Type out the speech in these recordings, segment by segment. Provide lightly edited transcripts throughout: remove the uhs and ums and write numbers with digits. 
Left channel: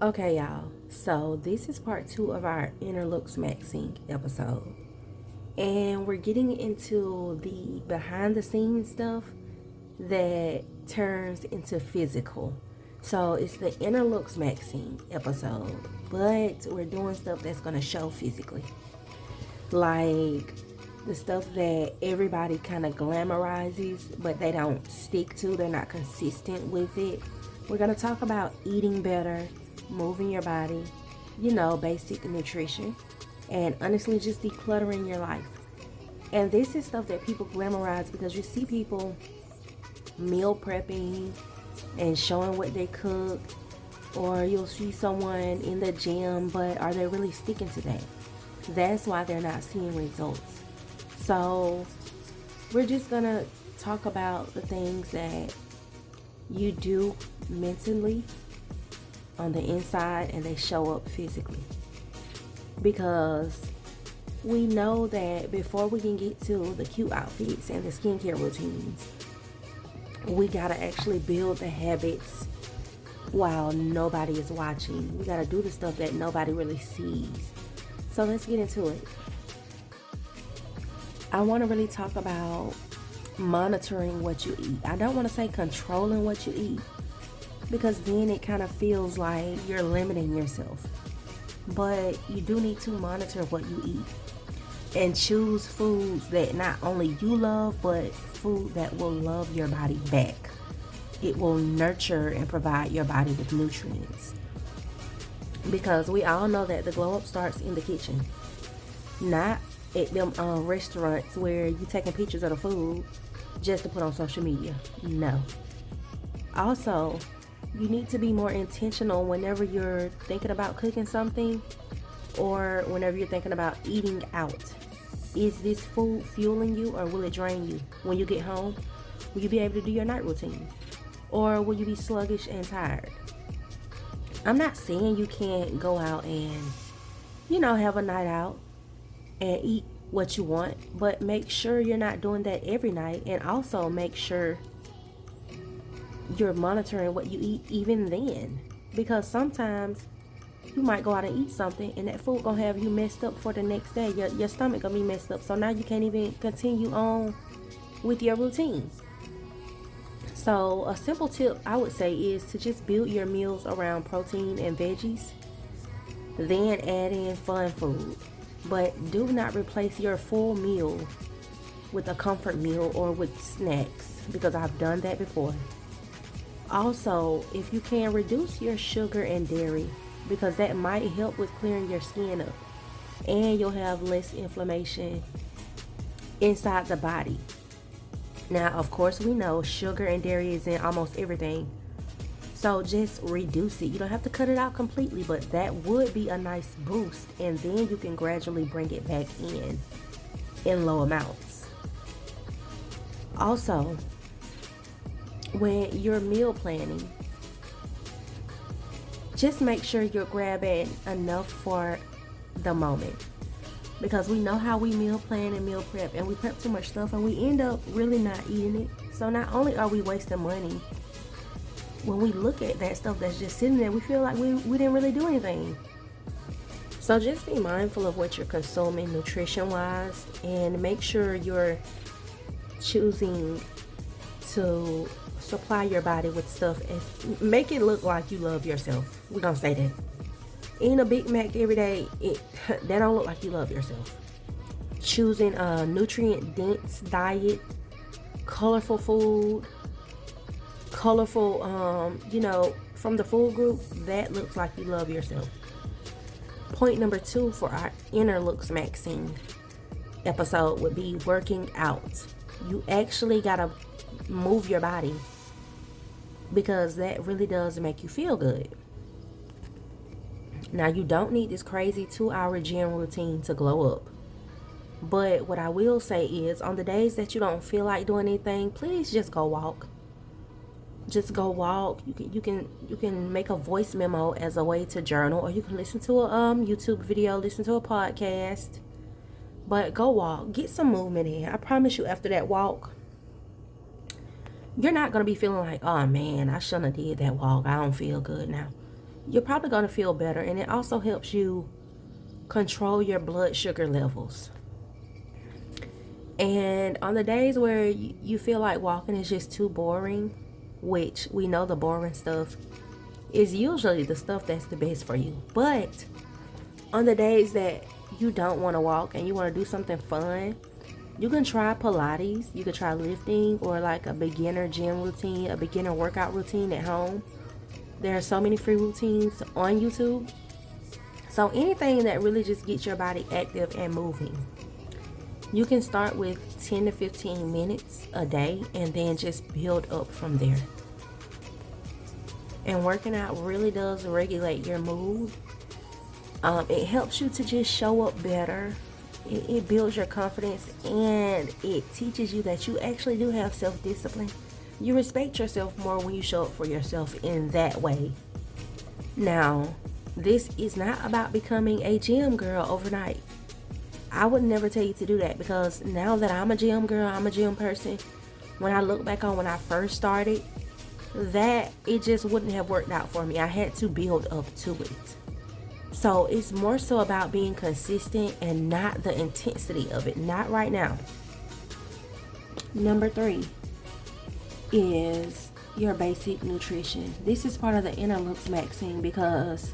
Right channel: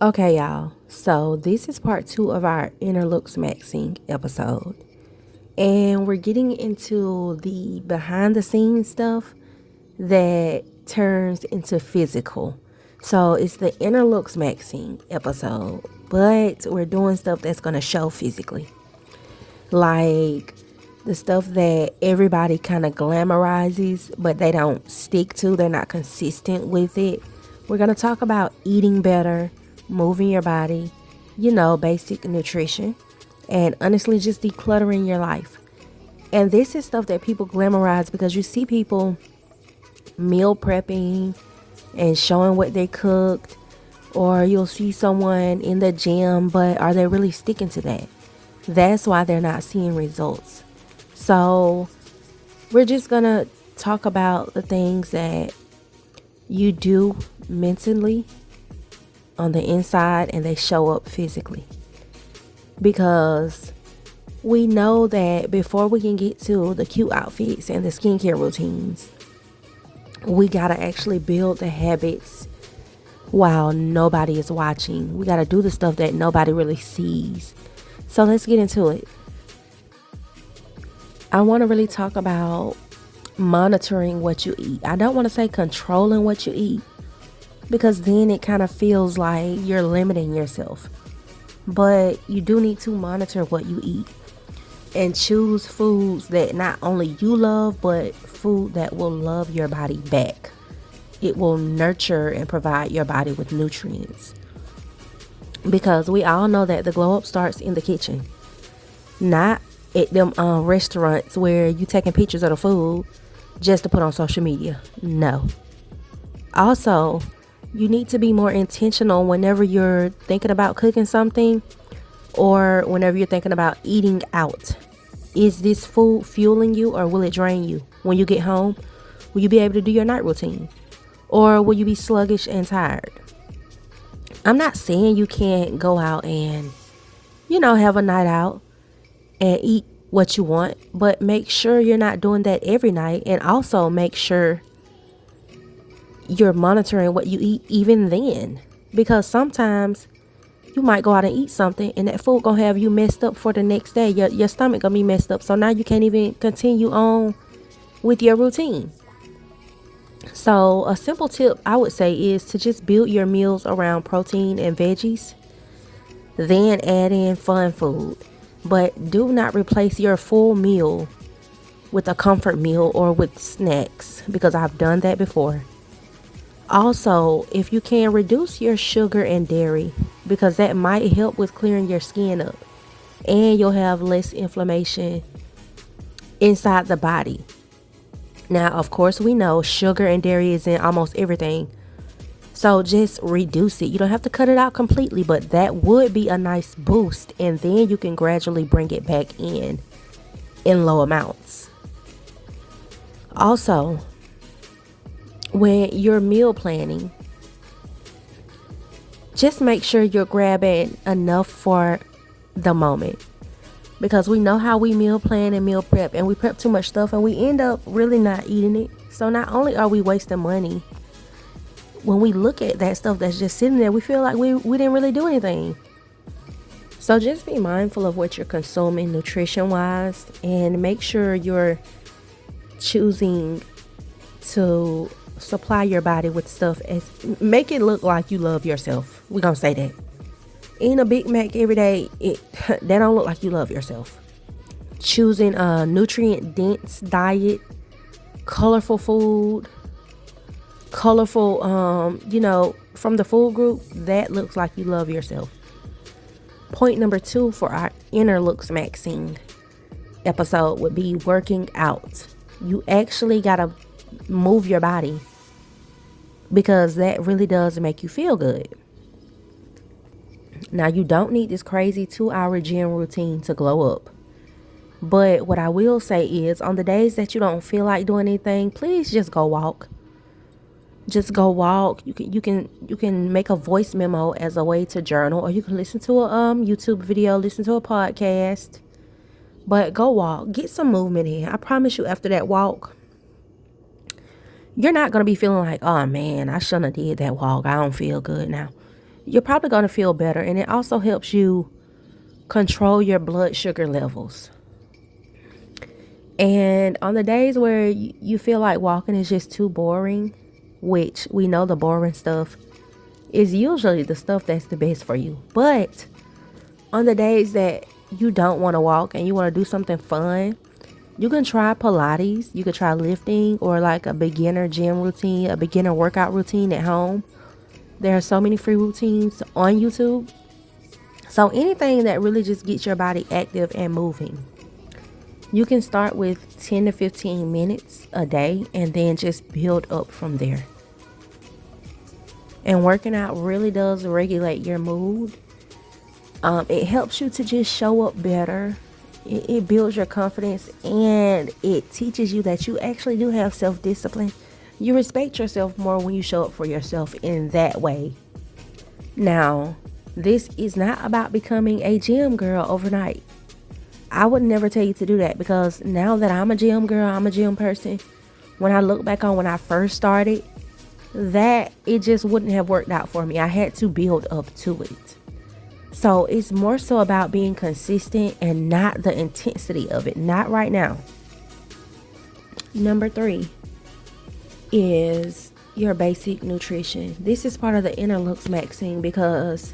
Okay, y'all. So this is part 2 of our inner LOOKSMAXXING episode. And we're getting into the behind the scenes stuff that turns into physical. So it's the inner LOOKSMAXXING episode. But we're doing stuff that's going to show physically. Like the stuff that everybody kind of glamorizes, but they don't stick to. They're not consistent with it. We're going to talk about eating better, moving your body, basic nutrition, and honestly, just decluttering your life. And this is stuff that people glamorize because you see people meal prepping and showing what they cooked, or you'll see someone in the gym, but are they really sticking to that? That's why they're not seeing results. So, we're just gonna talk about the things that you do mentally on the inside and they show up physically. Because we know that before we can get to the cute outfits and the skincare routines, we gotta actually build the habits while nobody is watching. We gotta do the stuff that nobody really sees. So let's get into it. I want to really talk about monitoring what you eat. I don't want to say controlling what you eat because then it kind of feels like you're limiting yourself. But you do need to monitor what you eat and choose foods that not only you love, but food that will love your body back. It will nurture and provide your body with nutrients. Because we all know that the glow up starts in the kitchen, not at them restaurants where you taking pictures of the food just to put on social media. No. Also, you need to be more intentional whenever you're thinking about cooking something or whenever you're thinking about eating out. Is this food fueling you or will it drain you? When you get home, will you be able to do your night routine? Or will you be sluggish and tired? I'm not saying you can't go out and, have a night out and eat what you want, but make sure you're not doing that every night, and also make sure you're monitoring what you eat even then, because sometimes you might go out and eat something and that food gonna have you messed up for the next day. Your stomach gonna be messed up, so now you can't even continue on with your routine. So a simple tip I would say is to just build your meals around protein and veggies, then add in fun food. But do not replace your full meal with a comfort meal or with snacks, because I've done that before. Also, if you can, reduce your sugar and dairy, because that might help with clearing your skin up and you'll have less inflammation inside the body. Now, of course, we know sugar and dairy is in almost everything. So just reduce it. You don't have to cut it out completely, but that would be a nice boost. And then you can gradually bring it back in low amounts. Also, when you're meal planning, just make sure you're grabbing enough for the moment. Because we know how we meal plan and meal prep, and we prep too much stuff and we end up really not eating it. So not only are we wasting money, when we look at that stuff that's just sitting there, we feel like we didn't really do anything. So just be mindful of what you're consuming nutrition wise, and make sure you're choosing to supply your body with stuff and make it look like you love yourself. We're gonna say that. Eating a Big Mac every day, that don't look like you love yourself. Choosing a nutrient dense diet, colorful food, colorful, from the food group, that looks like you love yourself. Point number 2 for our inner LOOKSMAXXING episode would be working out. You actually gotta move your body, because that really does make you feel good. Now, you don't need this crazy 2-hour gym routine to glow up. But what I will say is, on the days that you don't feel like doing anything, please just go walk. Just go walk. You can make a voice memo as a way to journal, or you can listen to a YouTube video, listen to a podcast. But go walk. Get some movement in. I promise you, after that walk, you're not going to be feeling like, oh man, I shouldn't have did that walk. I don't feel good now. you're probably going to feel better. And it also helps you control your blood sugar levels. And on the days where you feel like walking is just too boring, which we know the boring stuff is usually the stuff that's the best for you. But on the days that you don't want to walk and you want to do something fun, you can try Pilates, you could try lifting, or like a beginner gym routine, a beginner workout routine at home. There are so many free routines on YouTube. So anything that really just gets your body active and moving. You can start with 10 to 15 minutes a day and then just build up from there. And working out really does regulate your mood. It helps you to just show up better. It builds your confidence, and it teaches you that you actually do have self-discipline. You respect yourself more when you show up for yourself in that way. Now, this is not about becoming a gym girl overnight. I would never tell you to do that, because now that I'm a gym girl, I'm a gym person, when I look back on when I first started, that it just wouldn't have worked out for me. I had to build up to it. So it's more so about being consistent and not the intensity of it. Not right now. Number 3 is your basic nutrition. This is part of the inner LOOKSMAXXING because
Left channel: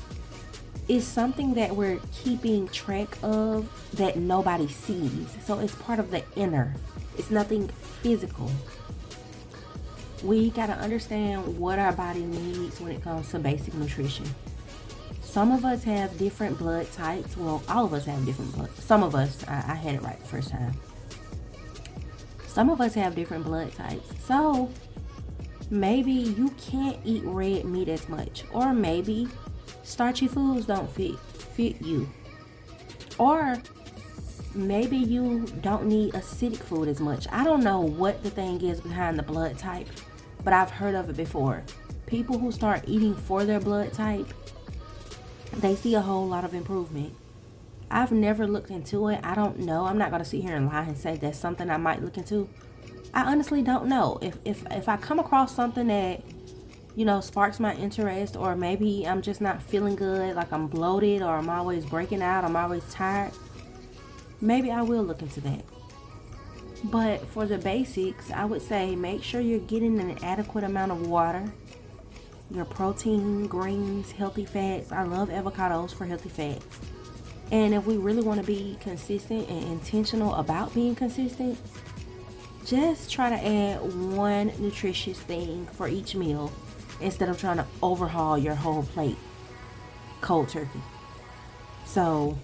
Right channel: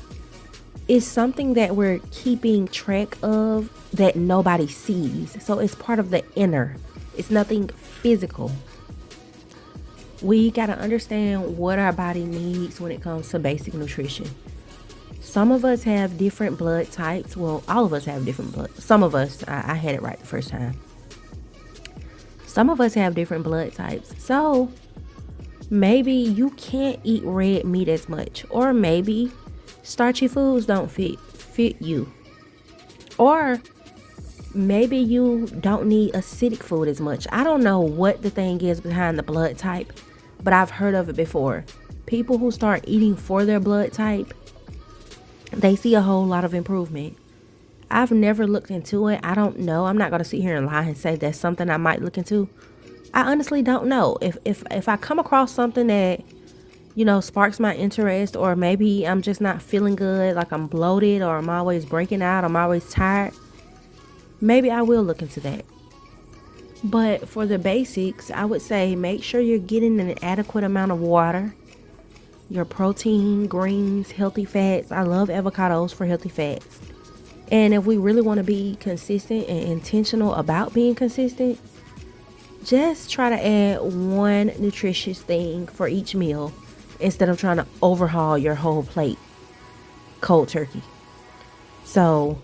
it's something that we're keeping track of that nobody sees. So it's part of the inner. It's nothing physical. We got to understand what our body needs when it comes to basic nutrition. Some of us have different blood types. Well, all of us have different blood. Some of us, I had it right the first time. Some of us have different blood types. So maybe you can't eat red meat as much. Or maybe starchy foods don't fit you. Or maybe you don't need acidic food as much. I don't know what the thing is behind the blood type, but I've heard of it before. People who start eating for their blood type, they see a whole lot of improvement. I've never looked into it. I don't know. I'm not going to sit here and lie and say that's something I might look into. I honestly don't know. If I come across something that, sparks my interest, or maybe I'm just not feeling good, like I'm bloated, or I'm always breaking out, I'm always tired, maybe I will look into that. But for the basics, I would say make sure you're getting an adequate amount of water, your protein, greens, healthy fats. I love avocados for healthy fats. And if we really want to be consistent and intentional about being consistent, just try to add one nutritious thing for each meal instead of trying to overhaul your whole plate cold turkey. So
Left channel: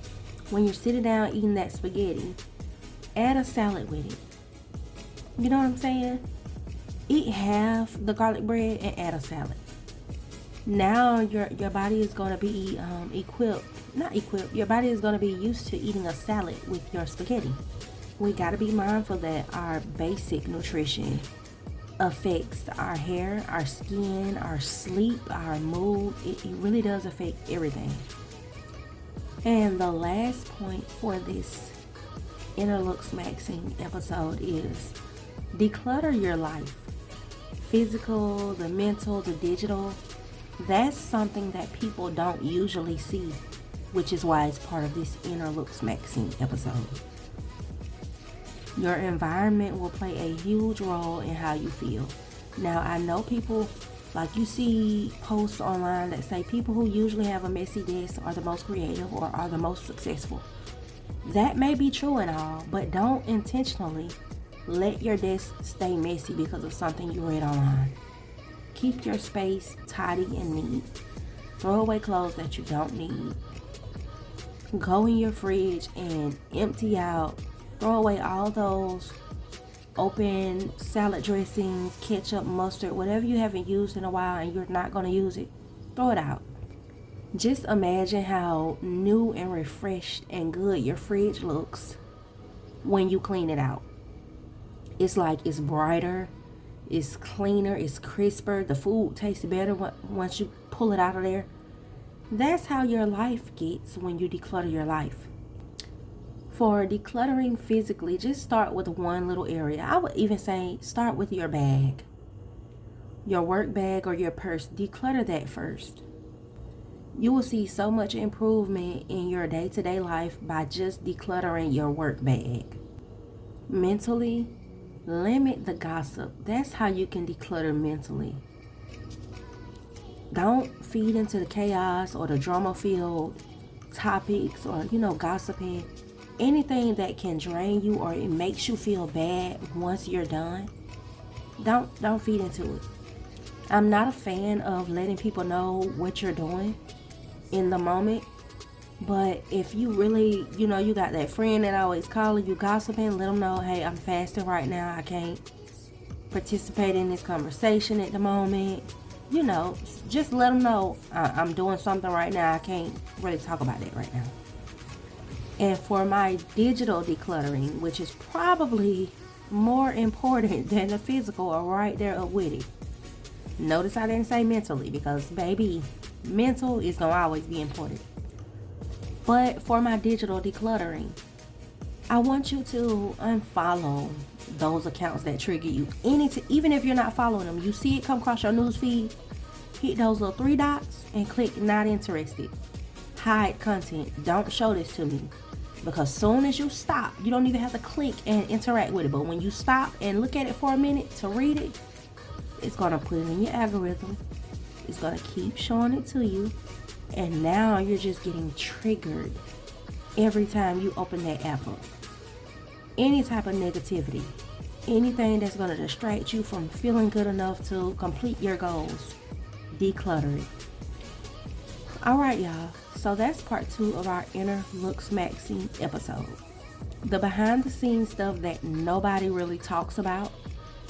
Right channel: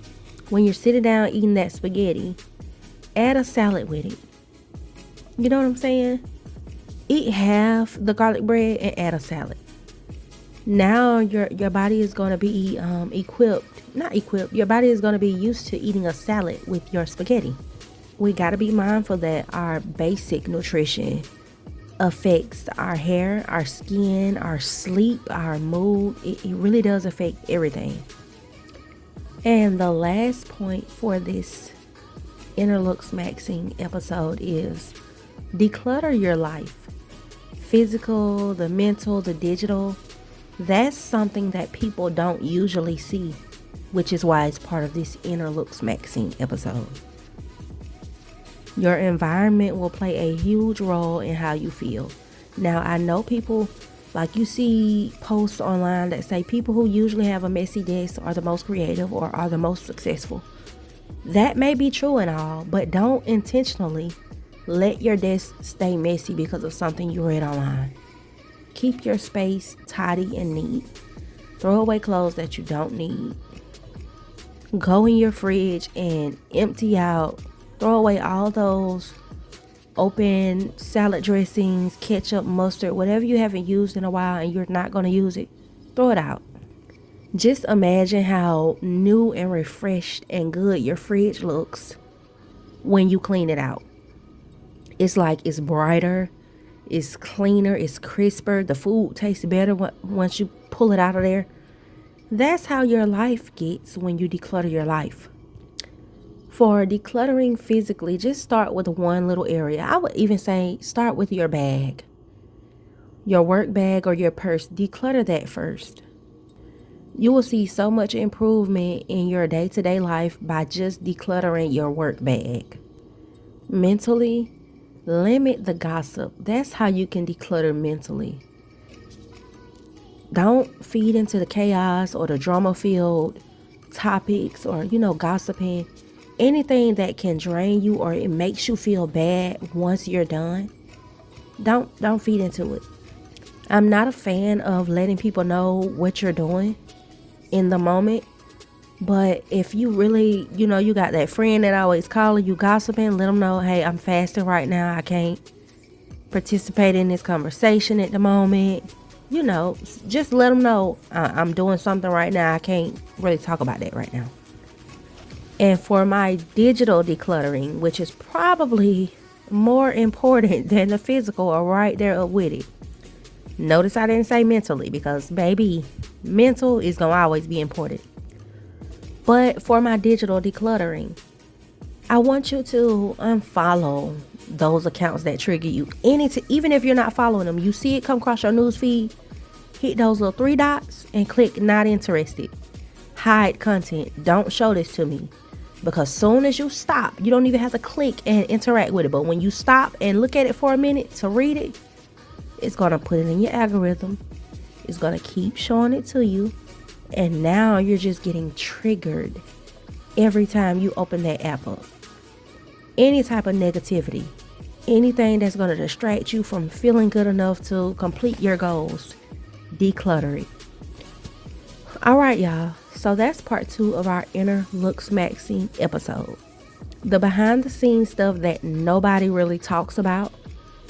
when you're sitting down eating that spaghetti, add a salad with it. You know what I'm saying? Eat half the garlic bread and add a salad. Now your body is going to be your body is going to be used to eating a salad with your spaghetti. We got to be mindful that our basic nutrition affects our hair, our skin, our sleep, our mood. It really does affect everything. And the last point for this inner LOOKSMAXXING episode is declutter your life. Physical, the mental, the digital. That's something that people don't usually see, which is why it's part of this inner LOOKSMAXXING episode. Your environment will play a huge role in how you feel. Now, I know people, like you see posts online that say people who usually have a messy desk are the most creative or are the most successful. That may be true and all, but don't intentionally let your desk stay messy because of something you read online. Keep your space tidy and neat. Throw away clothes that you don't need. Go in your fridge and empty out. Throw away all those open salad dressings, ketchup, mustard, whatever you haven't used in a while and you're not going to use it. Throw it out. Just imagine how new and refreshed and good your fridge looks when you clean it out. It's like it's brighter. It's cleaner, it's crisper, the food tastes better once you pull it out of there. That's how your life gets when you declutter your life. For decluttering physically, just start with one little area. I would even say start with your bag. Your work bag or your purse, declutter that first. You will see so much improvement in your day-to-day life by just decluttering your work bag. Mentally, limit the gossip. That's how you can declutter mentally. Don't feed into the chaos or the drama-filled topics or, gossiping. Anything that can drain you or it makes you feel bad once you're done, don't feed into it. I'm not a fan of letting people know what you're doing in the moment. But if you really, you got that friend that always calling you gossiping, let them know, hey, I'm fasting right now. I can't participate in this conversation at the moment. Just let them know I'm doing something right now. I can't really talk about that right now. And for my digital decluttering, which is probably more important than the physical, or right there up with it. Notice I didn't say mentally because, baby, mental is going to always be important. But for my digital decluttering, I want you to unfollow those accounts that trigger you. Even if you're not following them, you see it come across your news feed, hit those little 3 dots and click not interested. Hide content. Don't show this to me. Because soon as you stop, you don't even have to click and interact with it. But when you stop and look at it for a minute to read it, it's going to put it in your algorithm. It's going to keep showing it to you. And now you're just getting triggered every time you open that app up. Any type of negativity, anything that's going to distract you from feeling good enough to complete your goals, declutter it. All right, y'all. So that's part 2 of our inner LOOKSMAXXING episode. The behind the scenes stuff that nobody really talks about.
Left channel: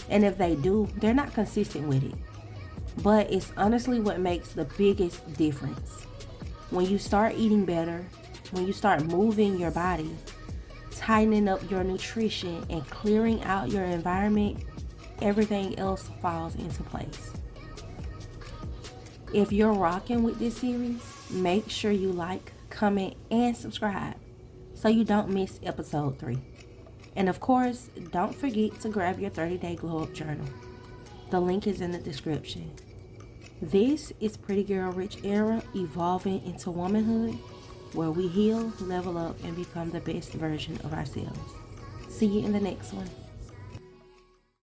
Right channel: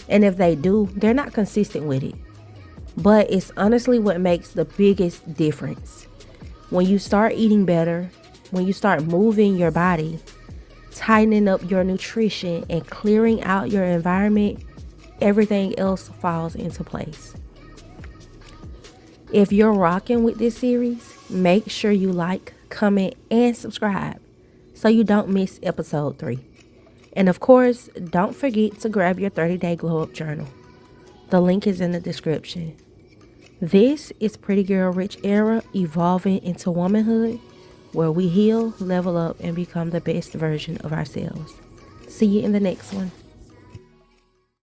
And if they do, they're not consistent with it. But it's honestly what makes the biggest difference. When you start eating better, when you start moving your body, tightening up your nutrition, and clearing out your environment, everything else falls into place. If you're rocking with this series, make sure you like, comment, and subscribe so you don't miss episode 3. And of course, don't forget to grab your 30-day glow up journal. The link is in the description. This is Pretty Girl Rich Era evolving into womanhood, where we heal, level up, and become the best version of ourselves. See you in the next one.